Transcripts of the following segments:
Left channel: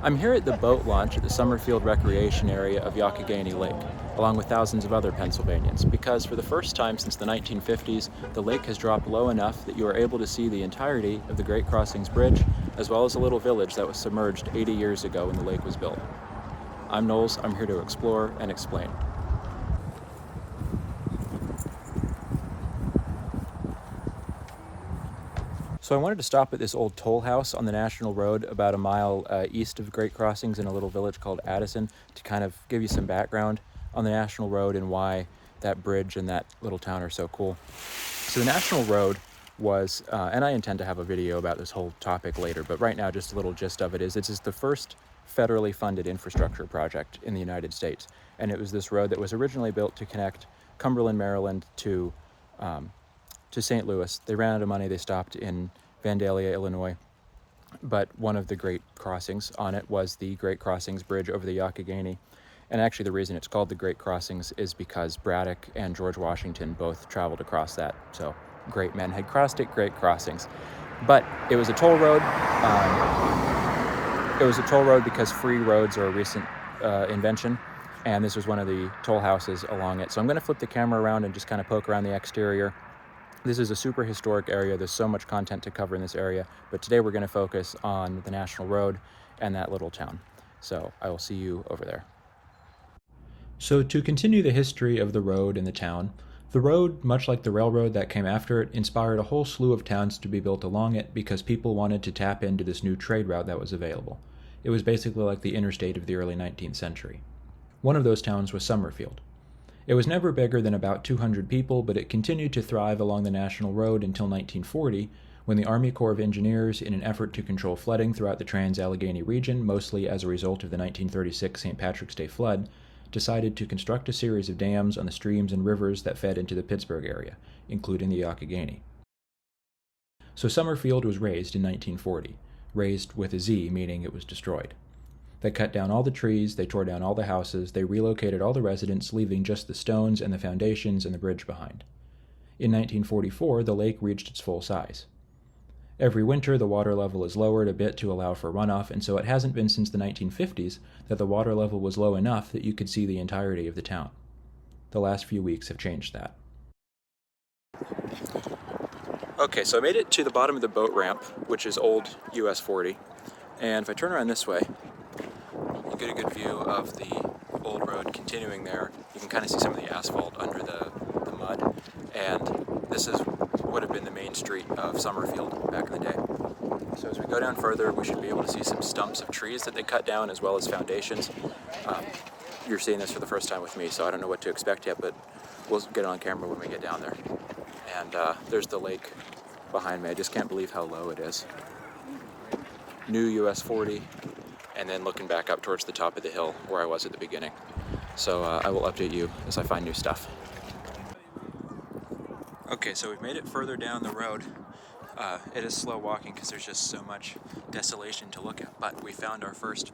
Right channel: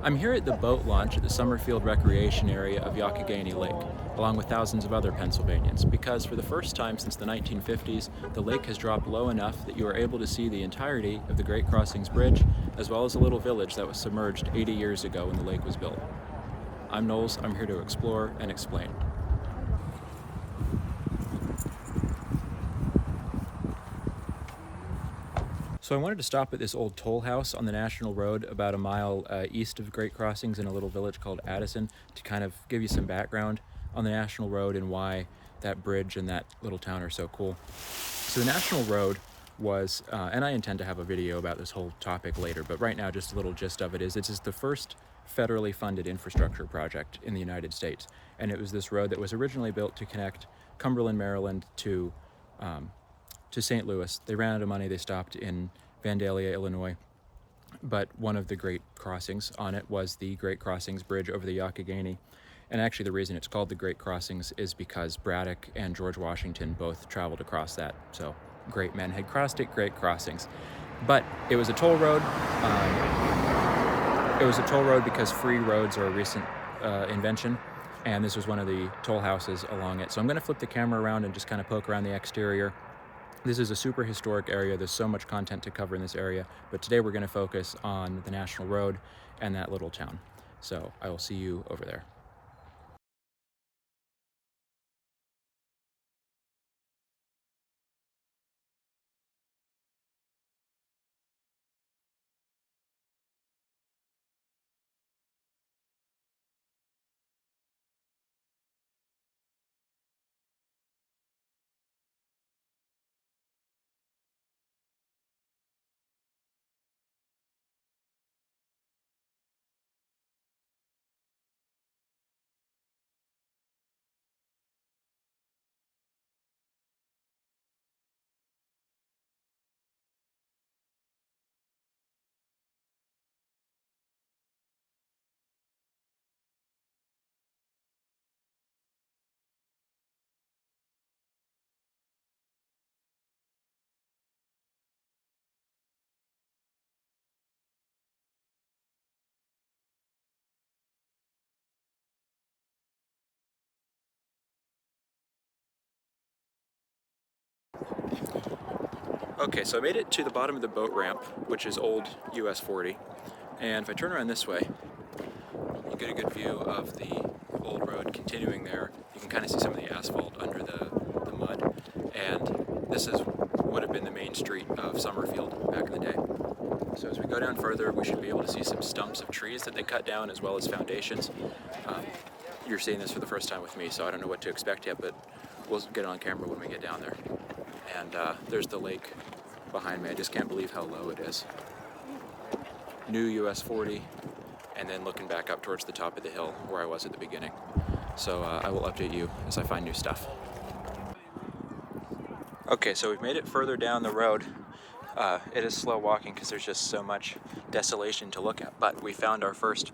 I'm here at the boat launch at the Summerfield recreation area of Youghiogheny Lake, along with thousands of other Pennsylvanians, because for the first time since the 1950s, the lake has dropped low enough that you are able to see the entirety of the Great Crossings Bridge, as well as a little village that was submerged 80 years ago when the lake was built. I'm Knowles, I'm here to explore and explain. So I wanted to stop at this old toll house on the National Road about a mile east of Great Crossings in a little village called Addison to kind of give you some background on the National Road and why that bridge and that little town are so cool. So the National Road was, and I intend to have a video about this whole topic later, but right now just a little gist of it is it's the first federally funded infrastructure project in the United States. And it was this road that was originally built to connect Cumberland, Maryland to St. Louis. They ran out of money. They stopped in Vandalia, Illinois. But one of the great crossings on it was the Great Crossings Bridge over the Youghiogheny. And actually the reason it's called the Great Crossings is because Braddock and George Washington both traveled across that. So great men had crossed it, great crossings. But it was a toll road. It was a toll road because free roads are a recent invention. And this was one of the toll houses along it. So I'm going to flip the camera around and just kind of poke around the exterior. This is a super historic area. There's so much content to cover in this area, but today we're going to focus on the National Road and that little town. So I will see you over there. So to continue the history of the road and the town, the road, much like the railroad that came after it, inspired a whole slew of towns to be built along it because people wanted to tap into this new trade route that was available. It was basically like the interstate of the early 19th century. One of those towns was Summerfield. It was never bigger than about 200 people, but it continued to thrive along the National Road until 1940, when the Army Corps of Engineers, in an effort to control flooding throughout the Trans-Allegheny region, mostly as a result of the 1936 St. Patrick's Day flood, decided to construct a series of dams on the streams and rivers that fed into the Pittsburgh area, including the Youghiogheny. So Summerfield was razed in 1940, razed with a Z, meaning it was destroyed. They cut down all the trees, they tore down all the houses, they relocated all the residents, leaving just the stones and the foundations and the bridge behind. In 1944, the lake reached its full size. Every winter, the water level is lowered a bit to allow for runoff, and so it hasn't been since the 1950s that the water level was low enough that you could see the entirety of the town. The last few weeks have changed that. Okay, so I made it to the bottom of the boat ramp, which is old US 40, and if I turn around this way, you get a good view of the old road continuing there. You can kind of see some of the asphalt under the mud, and this would have been the main street of Summerfield back in the day. So as we go down further, we should be able to see some stumps of trees that they cut down as well as foundations. You're seeing this for the first time with me, so I don't know what to expect yet, but we'll get it on camera when we get down there. And there's the lake behind me. I just can't believe how low it is. New US 40. And then looking back up towards the top of the hill where I was at the beginning. So I will update you as I find new stuff. Okay, so we've made it further down the road. It is slow walking because there's just so much desolation to look at, but we found our first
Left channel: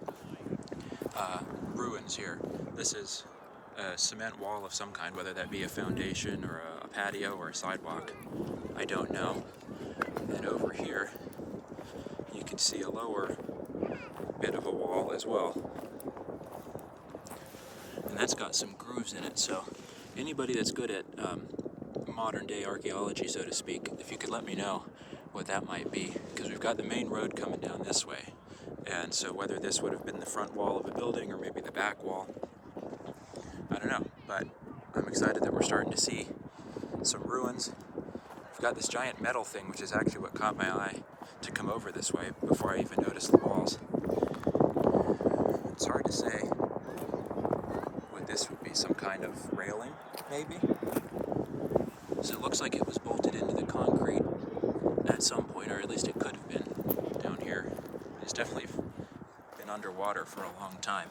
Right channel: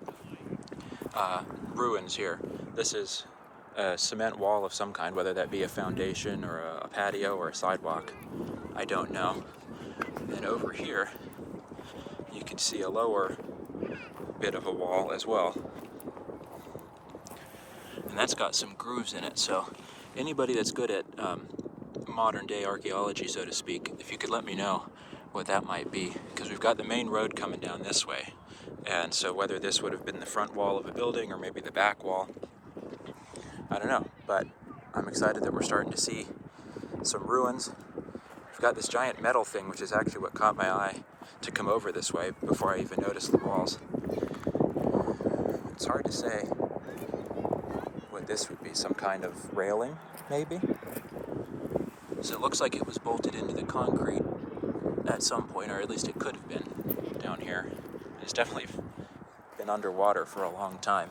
ruins here. This is a cement wall of some kind, whether that be a foundation or a patio or a sidewalk. I don't know. And over here, you can see a lower bit of a wall as well, and that's got some grooves in it. So anybody that's good at modern day archaeology, so to speak, if you could let me know what that might be, because we've got the main road coming down this way, and so whether this would have been the front wall of a building or maybe the back wall, I don't know, but I'm excited that we're starting to see some ruins. We've got this giant metal thing, which is actually what caught my eye to come over this way before I even noticed the walls. It's hard to say what this would be, some kind of railing, maybe? So it looks like it was bolted into the concrete at some point, or at least it could have been down here. And it's definitely been underwater for a long time.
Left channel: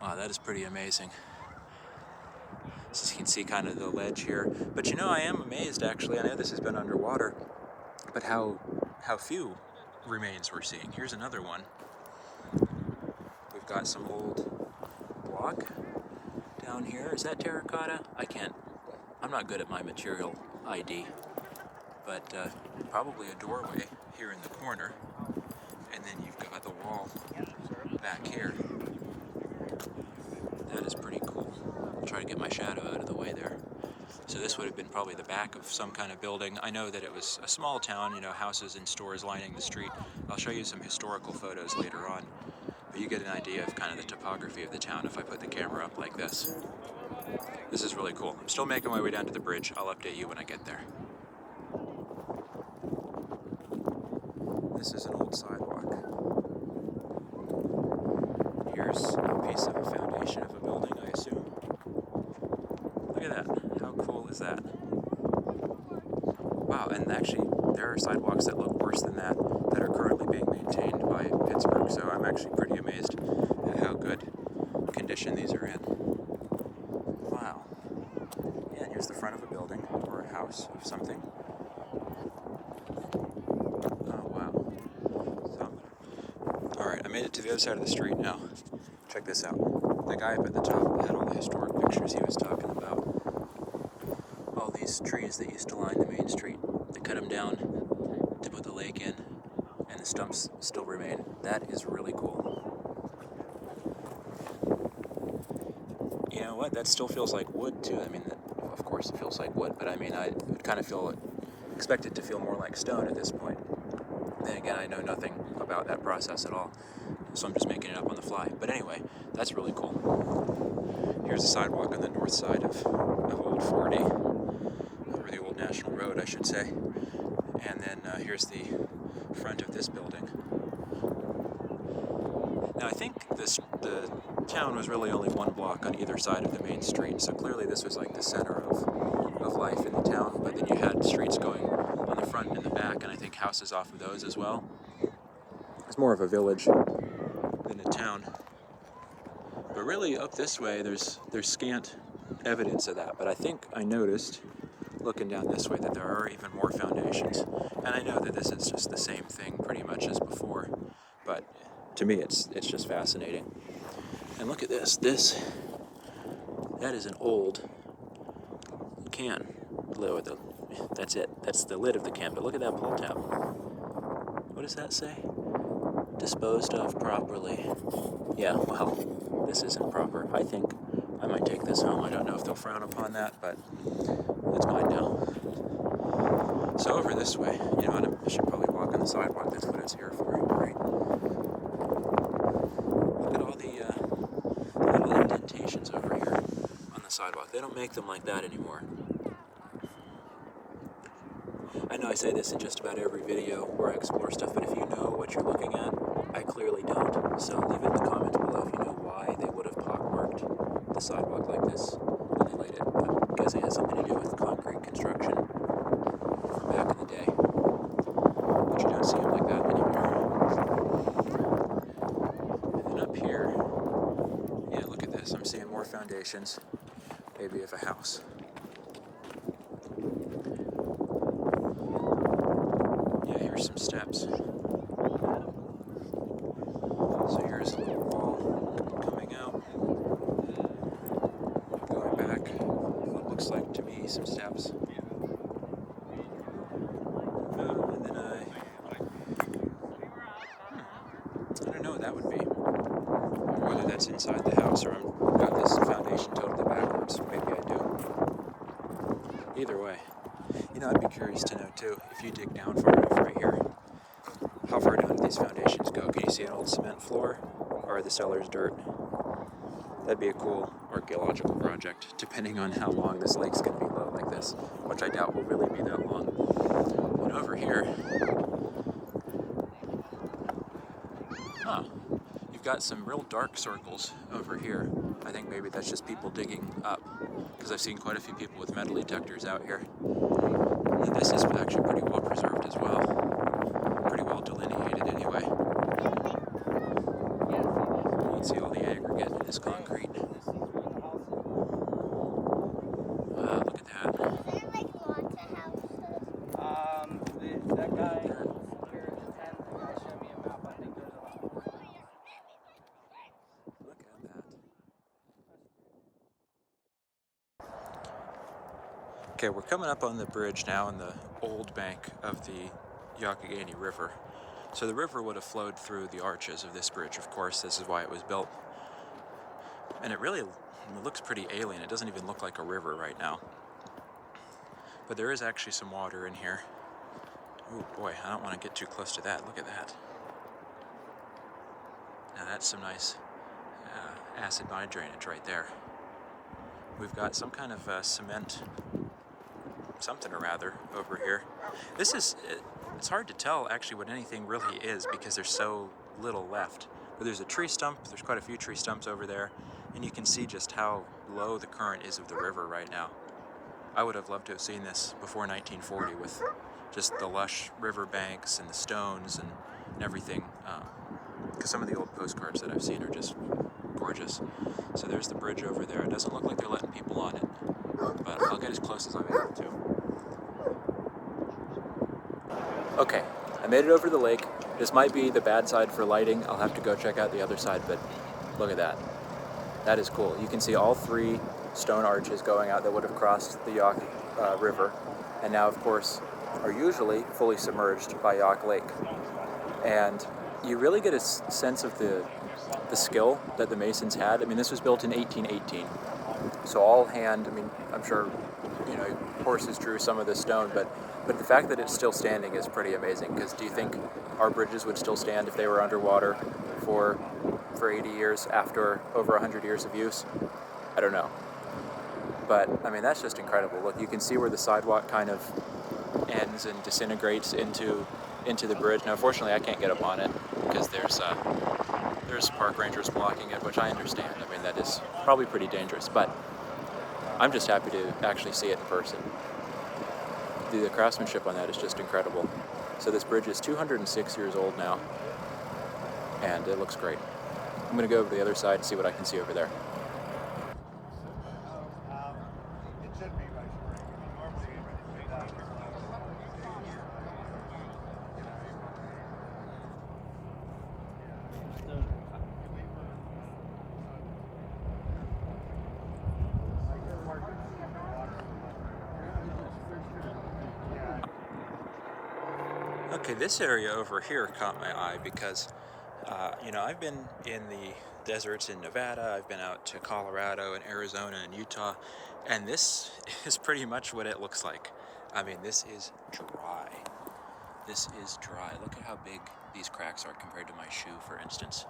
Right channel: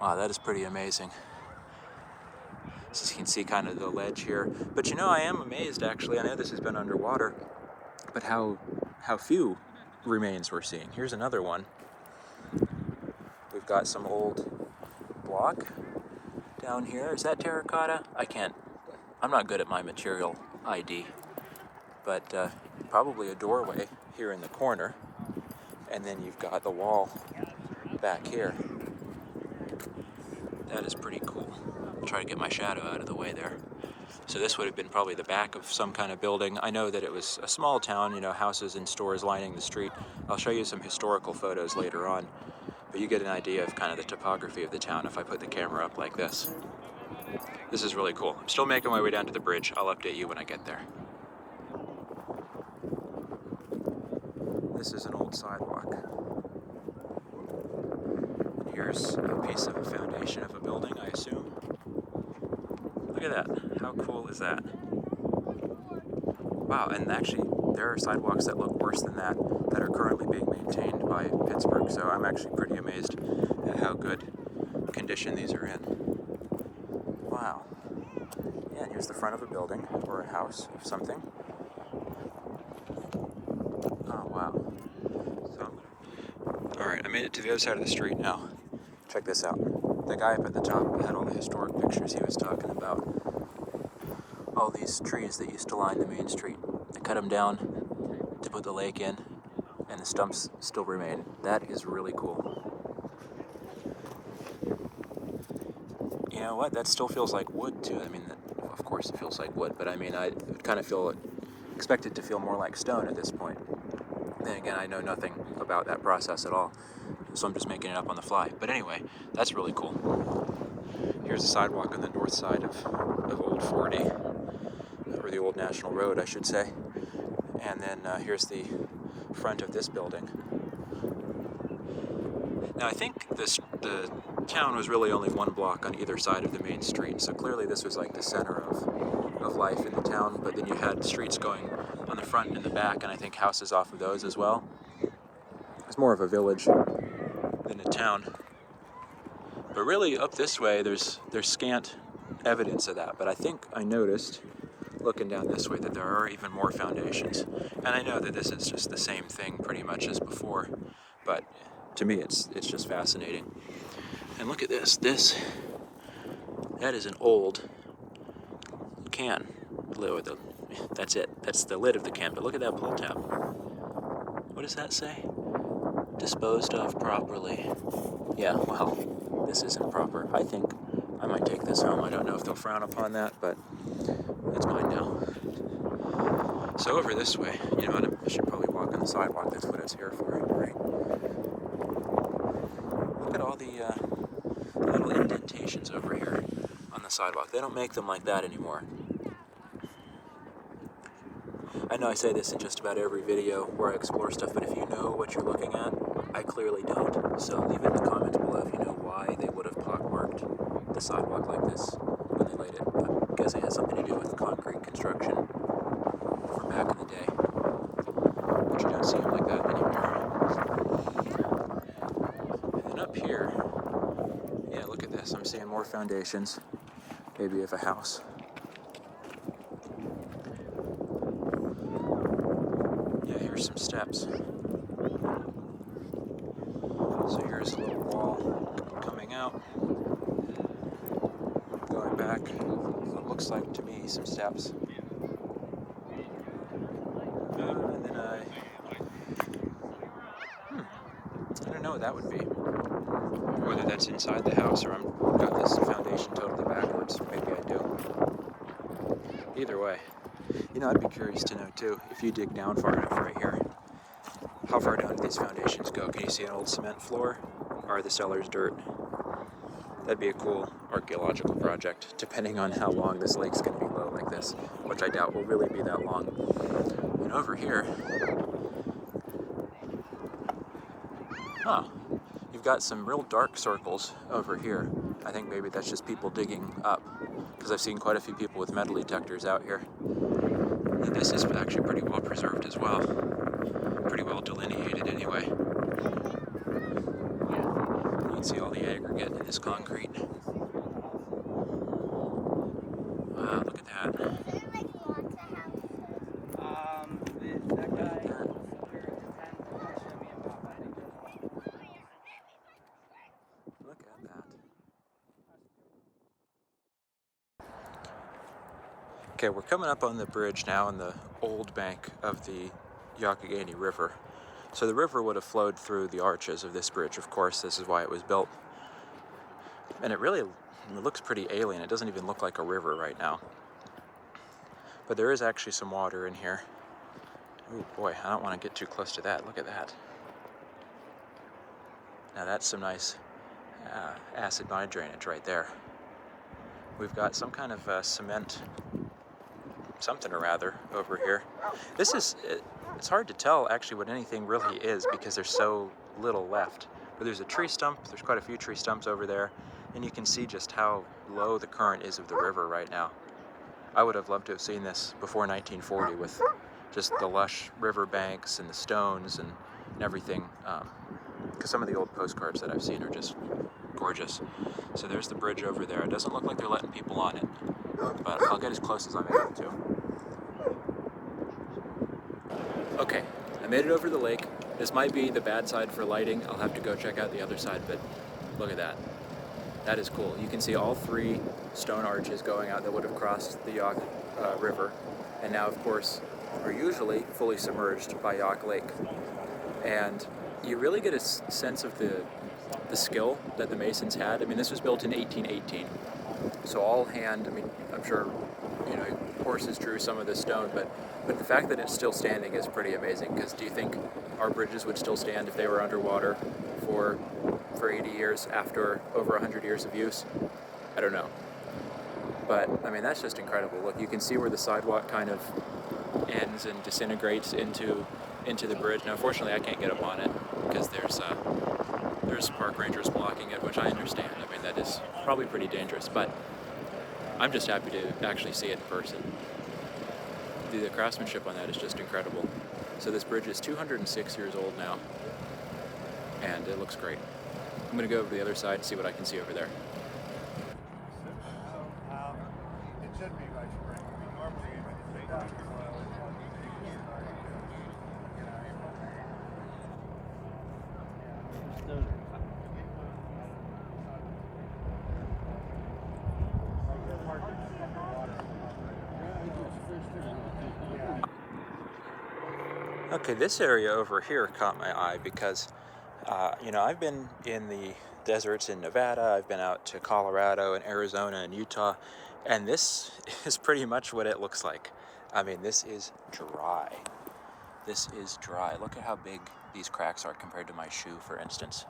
Wow, that is pretty amazing. So you can see kind of the ledge here. But you know, I am amazed actually, I know this has been underwater, but how few remains we're seeing. Here's another one. We've got some old block down here. Is that terracotta? I'm not good at my material ID, but probably a doorway here in the corner. and then you've got the wall back here. That is pretty cool. I'll try to get my shadow out of the way there. So this would have been probably the back of some kind of building. I know that it was a small town, you know, houses and stores lining the street. I'll show you some historical photos later on, but you get an idea of kind of the topography of the town if I put the camera up like this. This is really cool. I'm still making my way down to the bridge. I'll update you when I get there. This is an old sidewalk. Here's a piece of a foundation of a building, I assume. Look at that. How cool is that? Wow, and actually there are sidewalks that look worse than that are currently being maintained by Pittsburgh, so I'm actually pretty amazed at how good condition these are in. Wow. Yeah, here's the front of a building or a house of something. Oh, wow. So, all right, I made it to the other side of the street now. Check this out. The guy up at the top had all the historic pictures he was talking about. All these trees that used to line the main street. They cut them down to put the lake in, and the stumps still remain. That is really cool. You know what? That still feels like wood too. I mean, of course it feels like wood, but I mean, I kind of expect it to feel more like stone at this point. Then again, I know nothing about that process at all, so I'm just making it up on the fly. But anyway, that's really cool. Here's a sidewalk on the north side of Old 40, or the Old National Road, I should say. And then here's the front of this building. Now I think the town was really only one block on either side of the main street, so clearly this was like the center of life in the town, but then you had streets going on the front and the back, and I think houses off of those as well. It's more of a village than a town. But really up this way there's scant evidence of that, but I think I noticed looking down this way that there are even more foundations. And I know that this is just the same thing pretty much as before, but to me it's just fascinating. And look at this. That is an old can. That's it. That's the lid of the can, but look at that pull tab. What does that say? Disposed of properly. Yeah, well, this isn't proper. I think I might take this home. I don't know if they'll frown upon that, but it's mine now. So over this way, you know, I should probably walk on the sidewalk. That's what it's here for, right? Look at all the little indentations over here on the sidewalk. They don't make them like that anymore. I know I say this in just about every video where I explore stuff, but if you know what you're looking at, I clearly don't. So leave it in the comments below if you know why they would have pockmarked the sidewalk like this when they laid it. I'm guessing it has something to do with concrete construction from back in the day. But you don't see them like that anymore. And then up here, yeah, look at this. I'm seeing more foundations, maybe of a house. Yeah, here's some steps. So here's a little wall coming out, going back, what looks like to me some steps. And then I don't know what that would be. Whether that's inside the house or I've got this foundation totally backwards. Maybe I do. Either way. You know, I'd be curious to know too, if you dig down far enough right here, how far down do these foundations go? Can you see an old cement floor? Or are the cellars dirt? That'd be a cool archaeological project, depending on how long this lake's going to be low like this, which I doubt will really be that long. And over here, you've got some real dark circles over here. I think maybe that's just people digging up, because I've seen quite a few people with metal detectors out here. And this is actually pretty well preserved as well. Pretty well delineated anyway. You can see all the aggregate in this concrete. Wow, look at that. Look at that. Okay, we're coming up on the bridge now on the old bank of the Youghiogheny River. So the river would have flowed through the arches of this bridge, of course. This is why it was built. And it looks pretty alien. It doesn't even look like a river right now. But there is actually some water in here. Oh boy, I don't want to get too close to that. Look at that. Now that's some nice acid mine drainage right there. We've got some kind of cement, something or rather, over here. It's hard to tell actually what anything really is because there's so little left. But there's a tree stump, there's quite a few tree stumps over there, and you can see just how low the current is of the river right now. I would have loved to have seen this before 1940 with just the lush riverbanks and the stones and everything, because some of the old postcards that I've seen are just gorgeous. So there's the bridge over there. It doesn't look like they're letting people on it, but I'll get as close as I'm able to. Okay, I made it over the lake. This might be the bad side for lighting. I'll have to go check out the other side, but look at that. That is cool. You can see all three stone arches going out that would have crossed the Youghiogheny River, and now, of course, are usually fully submerged by Youghiogheny Lake. And you really get a sense of the skill that the masons had. I mean, this was built in 1818, so all hand. I mean, I'm sure, you know, horses drew some of this stone, but the fact that it's still standing is pretty amazing. Because do you think our bridges would still stand if they were underwater for 80 years after over 100 years of use? I don't know. But I mean, that's just incredible. Look, you can see where the sidewalk kind of ends and disintegrates into the bridge. Now, unfortunately, I can't get up on it because there's park rangers blocking it, which I understand. I mean, that is probably pretty dangerous, but I'm just happy to actually see it in person. The craftsmanship on that is just incredible. So this bridge is 206 years old now, and it looks great. I'm going to go over to the other side and see what I can see over there. Okay, this area over here caught my eye because, you know, I've been in the deserts in Nevada, I've been out to Colorado and Arizona and Utah, and this is pretty much what it looks like. I mean, this is dry. This is dry. Look at how big these cracks are compared to my shoe, for instance.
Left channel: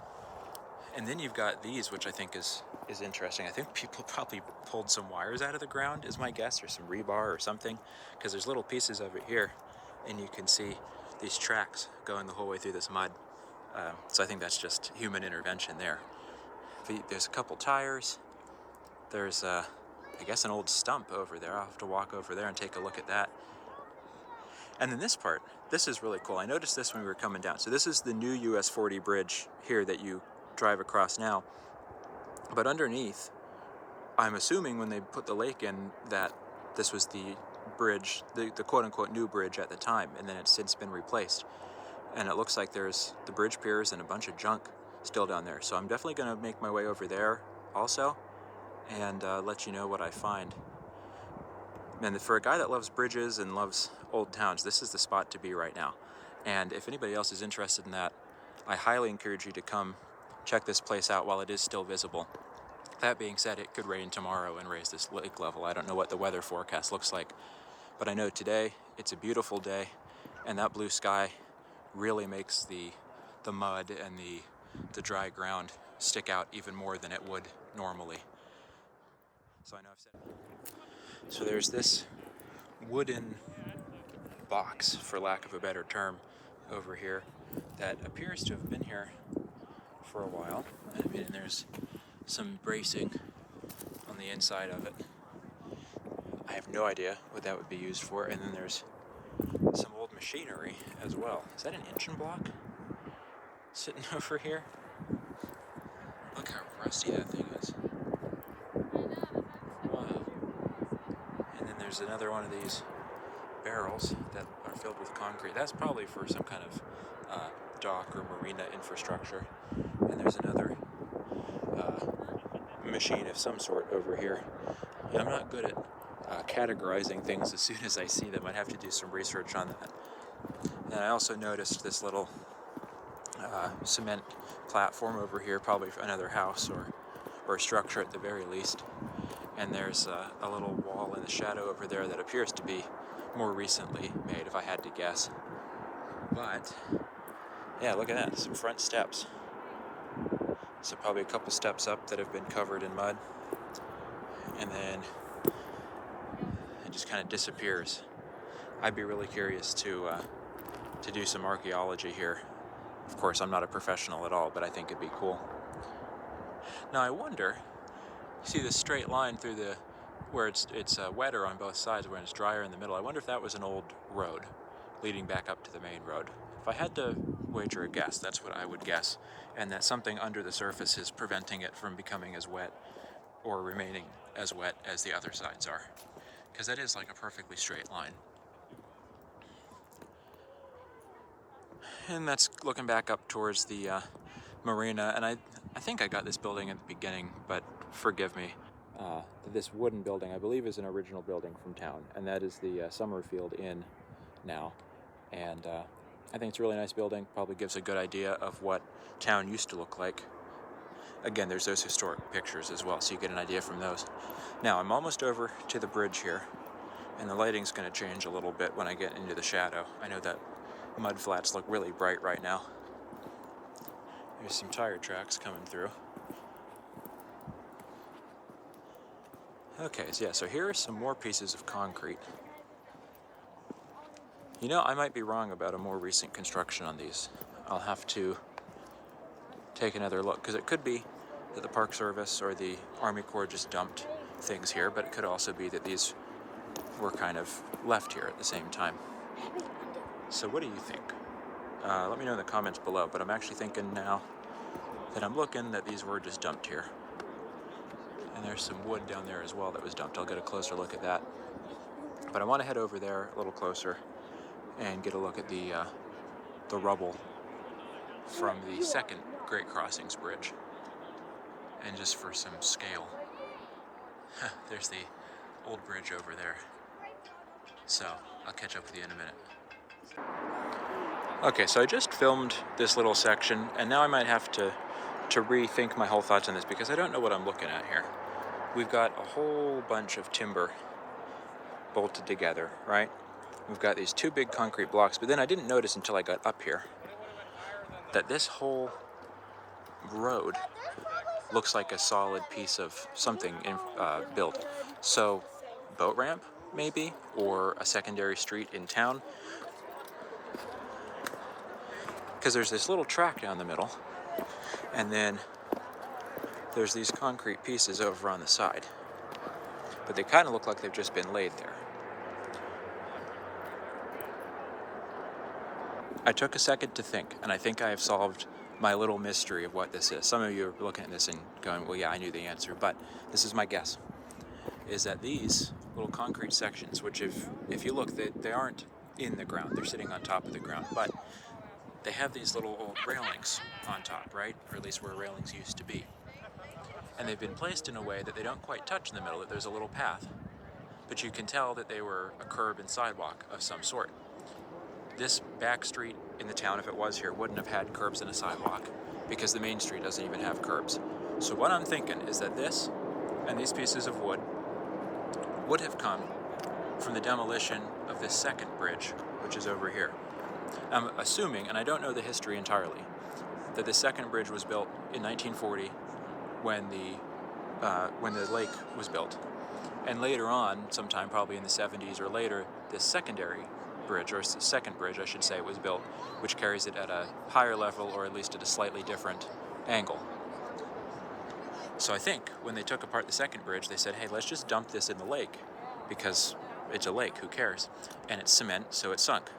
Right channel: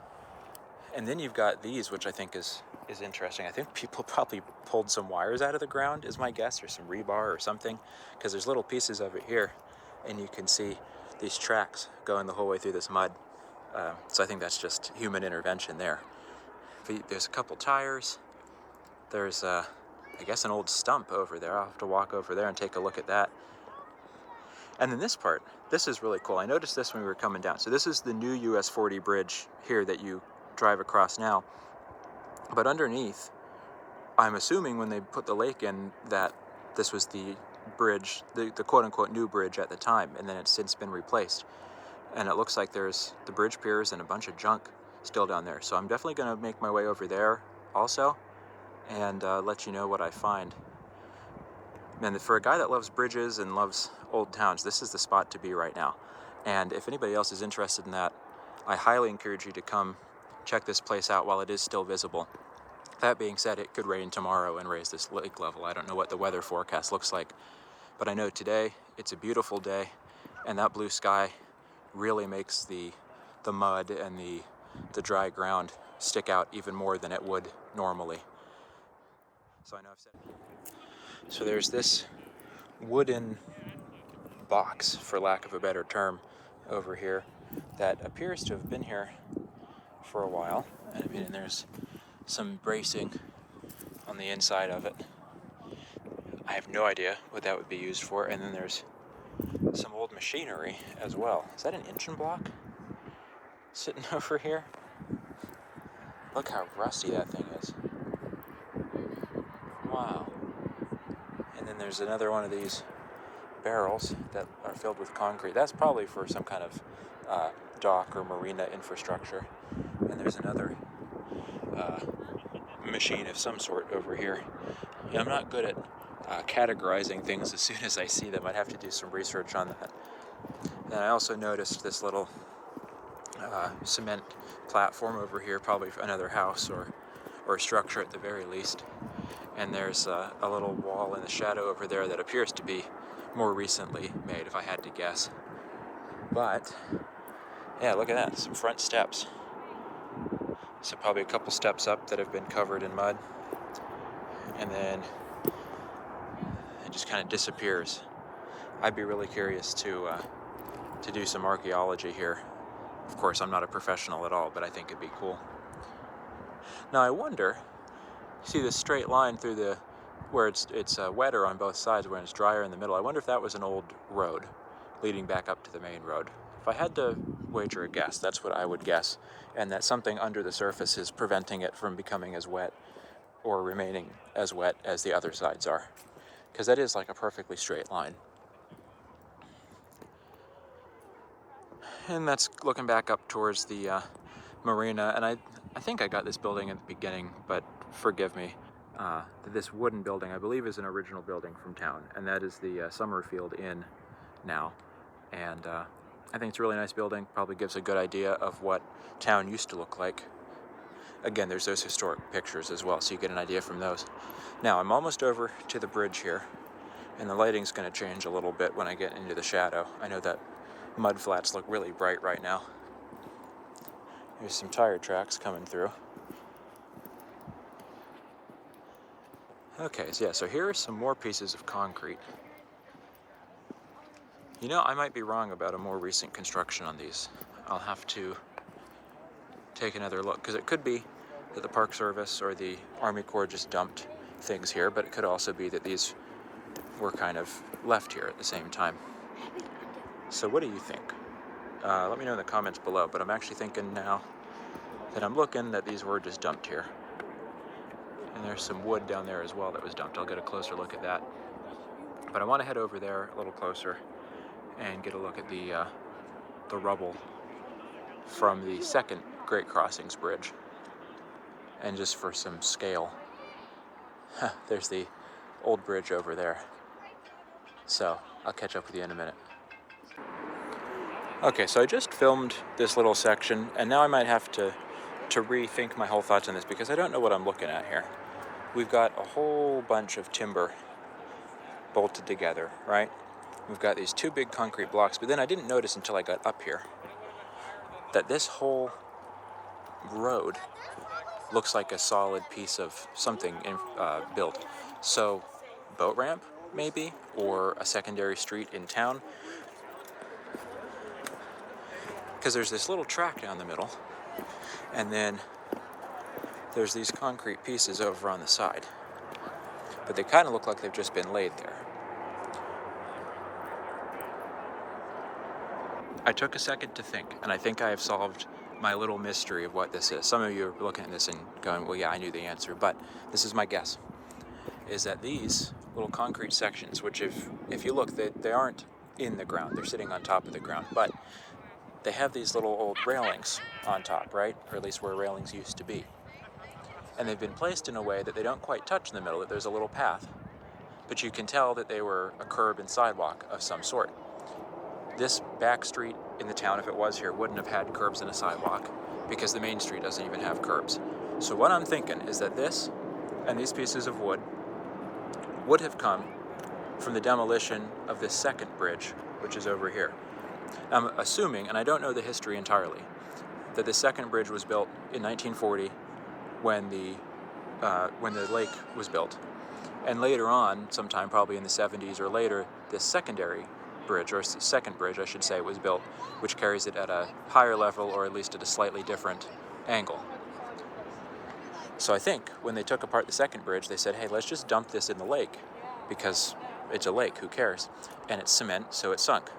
And then you've got these, which I think is interesting. I think people probably pulled some wires out of the ground, is my guess, or some rebar or something, because there's little pieces of it here, and you can see these tracks going the whole way through this mud. So I think that's just human intervention there. But there's a couple tires. There's, I guess, an old stump over there. I'll have to walk over there and take a look at that. And then this part, this is really cool. I noticed this when we were coming down. So this is the new US 40 bridge here that you drive across now. But underneath, I'm assuming when they put the lake in that this was the bridge, the quote-unquote new bridge at the time, and then it's since been replaced. And it looks like there's the bridge piers and a bunch of junk still down there. So I'm definitely going to make my way over there also and let you know what I find. And for a guy that loves bridges and loves old towns, this is the spot to be right now. And if anybody else is interested in that, I highly encourage you to come check this place out while it is still visible. That being said, it could rain tomorrow and raise this lake level. I don't know what the weather forecast looks like, but I know today it's a beautiful day, and that blue sky really makes the mud and the dry ground stick out even more than it would normally. So I know I've said. So there's this wooden box, for lack of a better term, over here that appears to have been here for a while. I mean, there's some bracing on the inside of it. I have no idea what that would be used for. And then there's some old machinery as well. Is that an engine block sitting over here? Look how rusty that thing is. Wow. And then there's another one of these barrels that are filled with concrete. That's probably for some kind of dock or marina infrastructure. And there's another machine of some sort over here. Yeah, I'm not good at categorizing things as soon as I see them. I'd have to do some research on that. And I also noticed this little cement platform over here, probably for another house or a structure at the very least. And there's a little wall in the shadow over there that appears to be more recently made, if I had to guess. But yeah, look at that, some front steps. So probably a couple steps up that have been covered in mud, and then it just kind of disappears. I'd be really curious to do some archaeology here. Of course, I'm not a professional at all, but I think it'd be cool. Now I wonder, you see this straight line through the, where it's wetter on both sides, where it's drier in the middle. I wonder if that was an old road leading back up to the main road. If I had to wager a guess, that's what I would guess, and that something under the surface is preventing it from becoming as wet or remaining as wet as the other sides are, because that is like a perfectly straight line. And that's looking back up towards the marina, and I think I got this building at the beginning, but forgive me. This wooden building, I believe, is an original building from town, and that is the Summerfield Inn now. And I think it's a really nice building, probably gives a good idea of what town used to look like. Again, there's those historic pictures as well, so you get an idea from those. Now, I'm almost over to the bridge here, and the lighting's going to change a little bit when I get into the shadow. I know that mud flats look really bright right now. There's some tire tracks coming through. Okay, so yeah, so here are some more pieces of concrete. You know, I might be wrong about a more recent construction on these. I'll have to take another look, because it could be that the Park Service or the Army Corps just dumped things here, but it could also be that these were kind of left here at the same time. So what do you think? Let me know in the comments below, but I'm actually thinking now that I'm looking that these were just dumped here. And there's some wood down there as well that was dumped. I'll get a closer look at that. But I want to head over there a little closer and get a look at the rubble from the second Great Crossings Bridge. And just for some scale, there's the old bridge over there. So I'll catch up with you in a minute. Okay, so I just filmed this little section, and now I might have to rethink my whole thoughts on this, because I don't know what I'm looking at here. We've got a whole bunch of timber bolted together, right? We've got these two big concrete blocks, but then I didn't notice until I got up here that this whole road looks like a solid piece of something built. So, boat ramp, maybe, or a secondary street in town. Because there's this little track down the middle, and then there's these concrete pieces over on the side. But they kind of look like they've just been laid there. I took a second to think, and I think I have solved my little mystery of what this is. Some of you are looking at this and going, well, yeah, I knew the answer, but this is my guess, is that these little concrete sections, which if you look, they aren't in the ground, they're sitting on top of the ground, but they have these little old railings on top, right? Or at least where railings used to be. And they've been placed in a way that they don't quite touch in the middle, that there's a little path. But you can tell that they were a curb and sidewalk of some sort. This back street in the town, if it was here, wouldn't have had curbs and a sidewalk, because the main street doesn't even have curbs. So what I'm thinking is that this and these pieces of wood would have come from the demolition of this second bridge, which is over here. I'm assuming, and I don't know the history entirely, that the second bridge was built in 1940 when the lake was built. And later on, sometime probably in the 70s or later, this secondary bridge, or second bridge I should say, was built, which carries it at a higher level, or at least at a slightly different angle. So I think when they took apart the second bridge, they said, hey, let's just dump this in the lake, because it's a lake, who cares? And it's cement, so it sunk.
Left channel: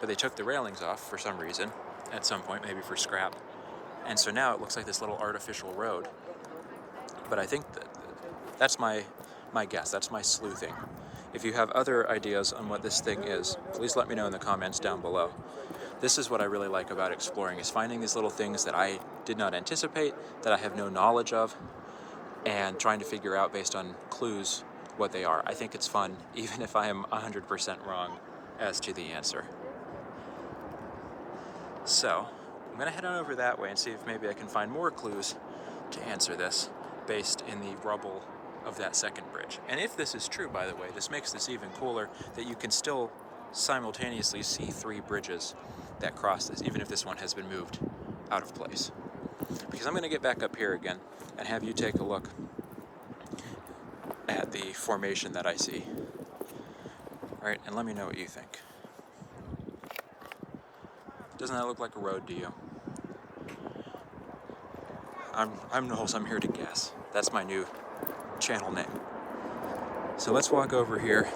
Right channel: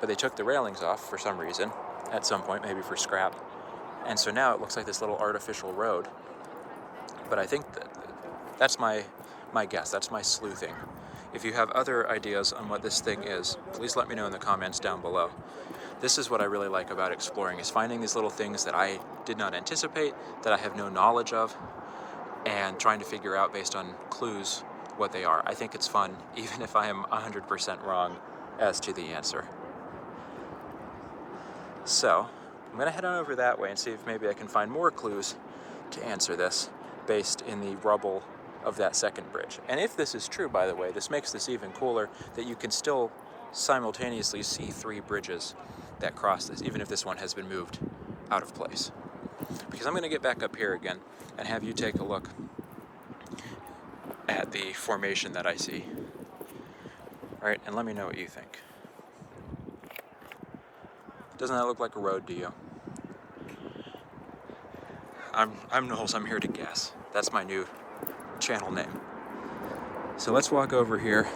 But they took the railings off for some reason, at some point, maybe for scrap. And so now it looks like this little artificial road. But I think that's my guess, that's my sleuthing. If you have other ideas on what this thing is, please let me know in the comments down below. This is what I really like about exploring, is finding these little things that I did not anticipate, that I have no knowledge of, and trying to figure out based on clues what they are. I think it's fun, even if I am 100% wrong as to the answer. So, I'm gonna head on over that way and see if maybe I can find more clues to answer this based in the rubble of that second bridge. And if this is true, by the way, this makes this even cooler, that you can still simultaneously see 3 bridges that cross this, even if this one has been moved out of place. Because I'm gonna get back up here again and have you take a look at the formation that I see. All right, and let me know what you think. Doesn't that look like a road to you? I'm Knowles, I'm here to guess. That's my new channel name. So let's walk over here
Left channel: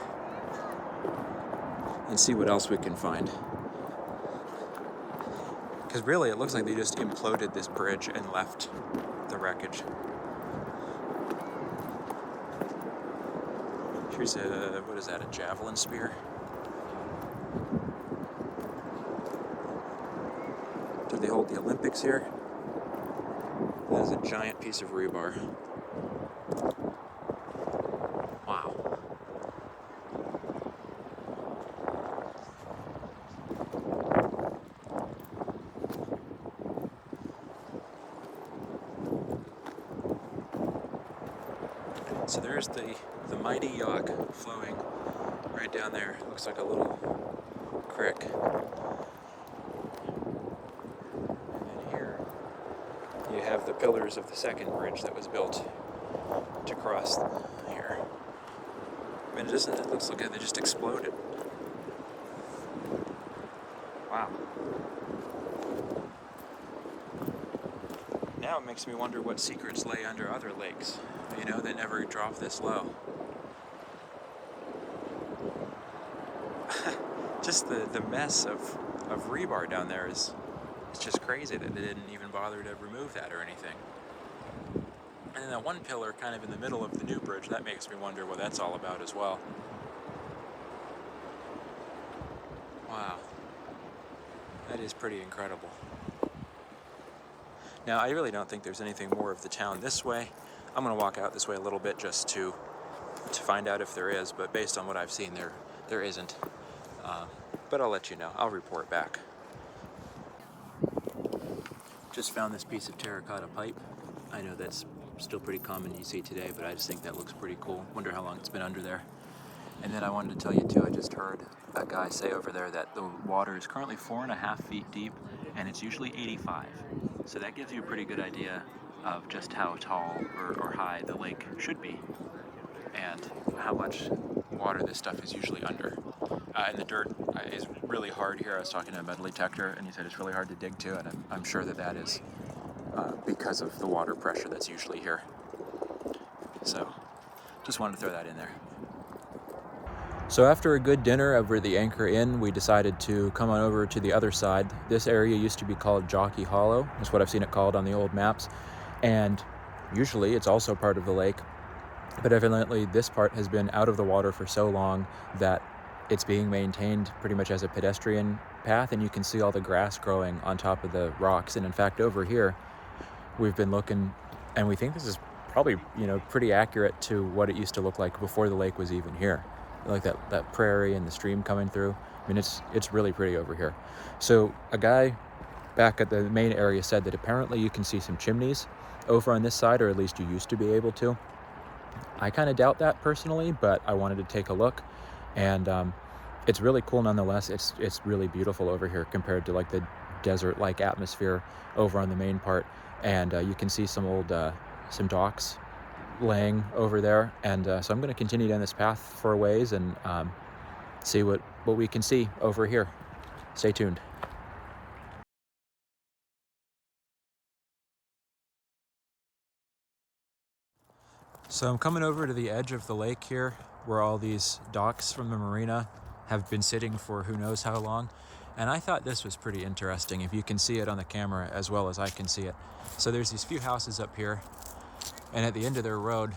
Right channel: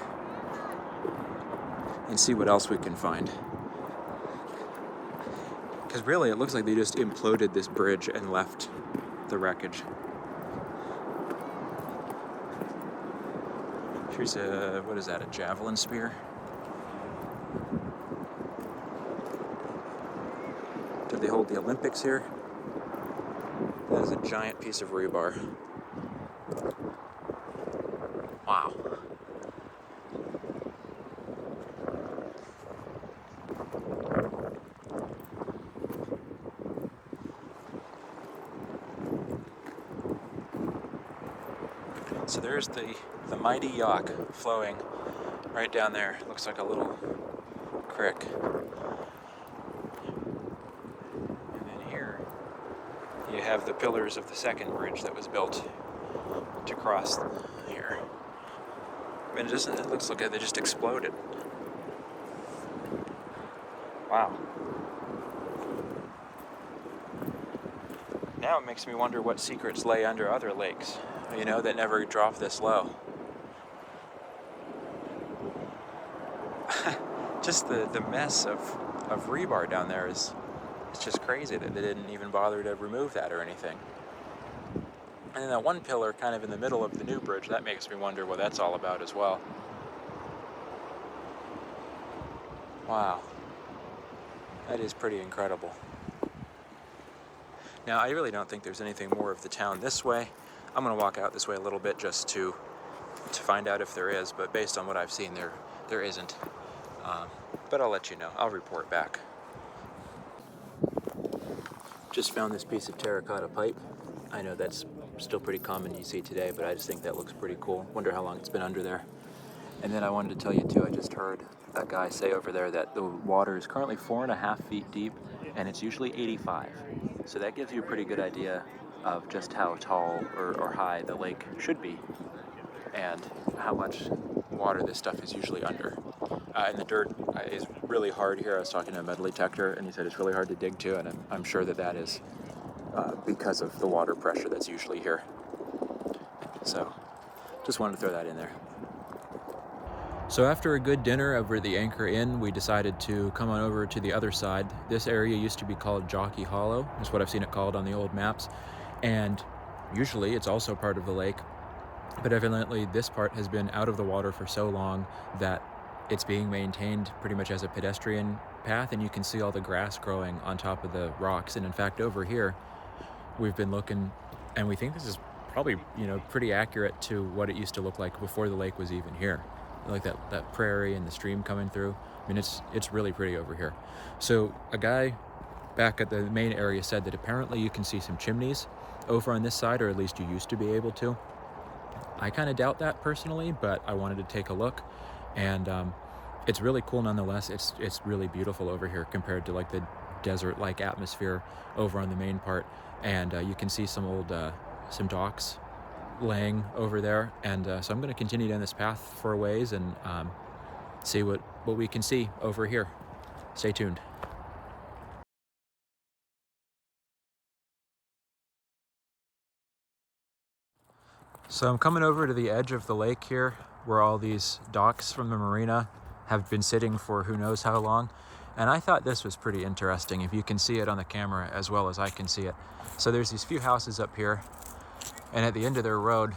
and see what else we can find. Because really, it looks like they just imploded this bridge and left the wreckage. Here's a, what is that, a javelin spear? Did they hold the Olympics here? That is a giant piece of rebar. Wow. So there's the mighty Yough flowing right down there. Looks like a little creek. And then here you have the pillars of the second bridge that was built to cross here. I mean, it looks like they just exploded. Wow. Now it makes me wonder what secrets lay under other lakes, you know, that never drop this low. Just the mess of rebar down there it's just crazy that they didn't even bother to remove that or anything. And then that one pillar kind of in the middle of the new bridge, that makes me wonder what that's all about as well. Wow. That is pretty incredible. Now, I really don't think there's anything more of the town this way. I'm gonna walk out this way a little bit just to find out if there is, but based on what I've seen, there isn't. But I'll let you know. I'll report back. Just found this piece of terracotta pipe. I know that's still pretty common you see today, but I just think that looks pretty cool. Wonder how long it's been under there. And then I wanted to tell you too, I just heard a guy say over there that the water is currently 4.5 feet deep, and it's usually 85. So that gives you a pretty good idea of just how tall or high the lake should be, and how much water this stuff is usually under. And the dirt is really hard here. I was talking to a metal detector, and he said it's really hard to dig to, and I'm sure that is because of the water pressure that's usually here. So just wanted to throw that in there. So after a good dinner over at the Anchor Inn, we decided to come on over to the other side. This area used to be called Jockey Hollow. That's what I've seen it called on the old maps. And usually it's also part of the lake, but evidently this part has been out of the water for so long that it's being maintained pretty much as a pedestrian path, and you can see all the grass growing on top of the rocks. And in fact, over here, we've been looking, and we think this is probably, you know, pretty accurate to what it used to look like before the lake was even here. Like that prairie and the stream coming through. I mean, it's really pretty over here. So a guy back at the main area said that apparently you can see some chimneys over on this side, or at least you used to be able to. I kind of doubt that personally, but I wanted to take a look, and it's really cool nonetheless. It's really beautiful over here compared to like the desert-like atmosphere over on the main part. And you can see some old some docks laying over there, and so I'm going to continue down this path for a ways and see what we can see over here. Stay tuned. So I'm coming over to the edge of the lake here, where all these docks from the marina have been sitting for who knows how long, and I thought this was pretty interesting, if you can see it on the camera as well as I can see it. So there's these few houses up here, and at the end of their road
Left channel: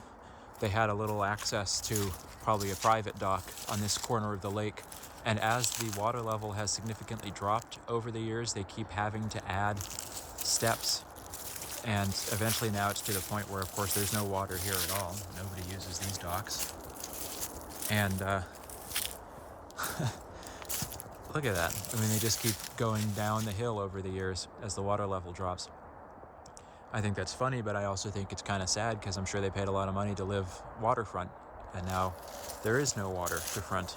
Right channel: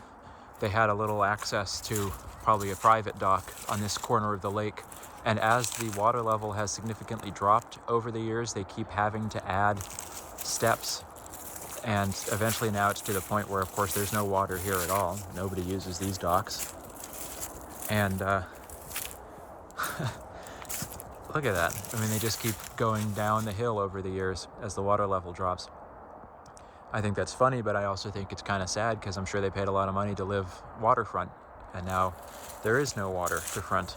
they had a little access to probably a private dock on this corner of the lake. And as the water level has significantly dropped over the years, they keep having to add steps. And eventually now it's to the point where, of course, there's no water here at all. Nobody uses these docks. And Look at that. I mean, they just keep going down the hill over the years as the water level drops. I think that's funny, but I also think it's kind of sad because I'm sure they paid a lot of money to live waterfront, and now there is no water to front.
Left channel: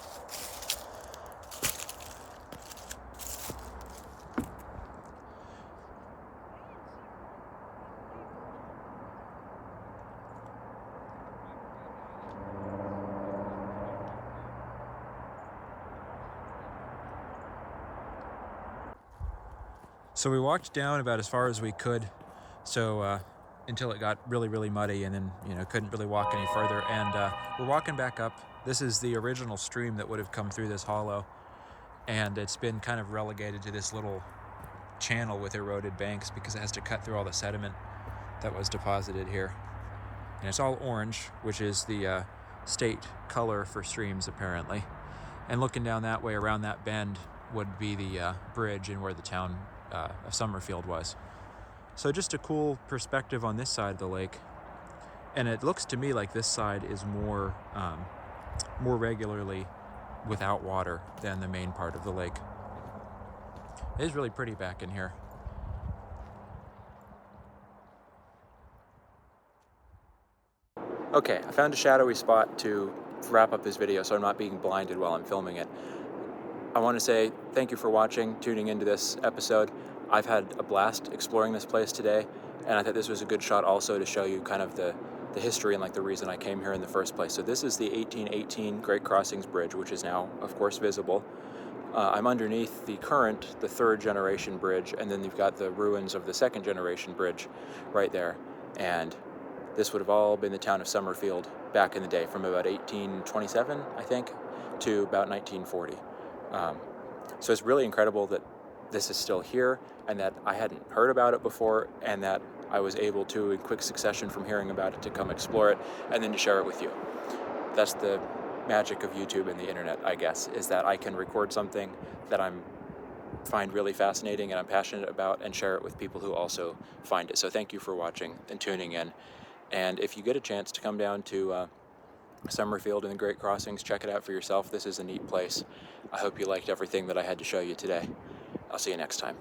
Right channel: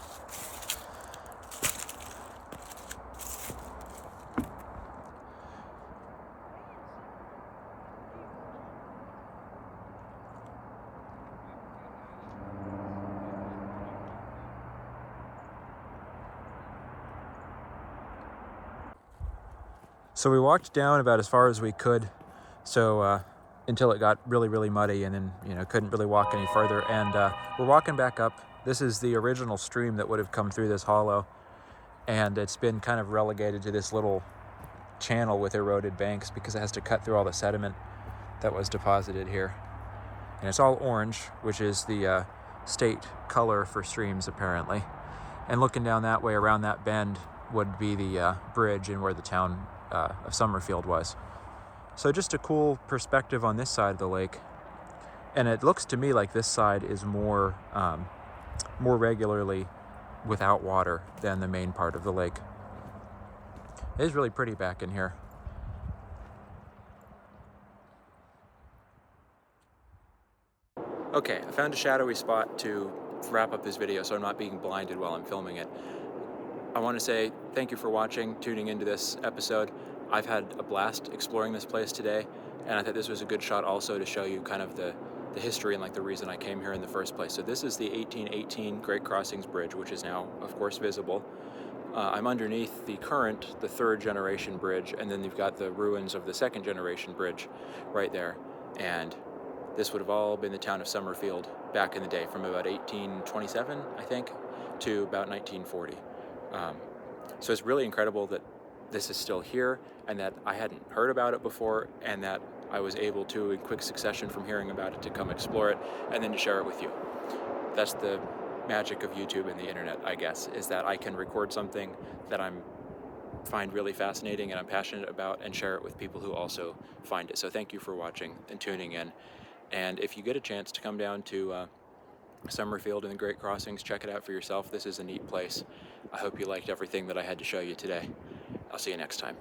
So we walked down about as far as we could, until it got really, really muddy, and then couldn't really walk any further. And we're walking back up. This is the original stream that would have come through this hollow, and it's been kind of relegated to this little channel with eroded banks because it has to cut through all the sediment that was deposited here. And it's all orange, which is the state color for streams apparently. And looking down that way around that bend would be the bridge and where the town of Summerfield was. So just a cool perspective on this side of the lake. And it looks to me like this side is more regularly without water than the main part of the lake. It is really pretty back in here. Okay, I found a shadowy spot to wrap up this video so I'm not being blinded while I'm filming it. I want to say thank you for watching, tuning into this episode. I've had a blast exploring this place today, and I thought this was a good shot also to show you kind of the history and like the reason I came here in the first place. So this is the 1818 Great Crossings Bridge, which is now, of course, visible. I'm underneath the third generation bridge, and then you've got the ruins of the second generation bridge right there. And this would have all been the town of Summerfield back in the day, from about 1827, I think, to about 1940. So it's really incredible that this is still here, and that I hadn't heard about it before, and that I was able to, in quick succession from hearing about it, to come explore it and then to share it with you. That's the magic of YouTube and the internet, I guess, is that I can record something that I find really fascinating and I'm passionate about, and share it with people who also find it. So thank you for watching and tuning in. And if you get a chance to come down to Summerfield and the Great Crossings, check it out for yourself. This is a neat place. I hope you liked everything that I had to show you today. I'll see you next time.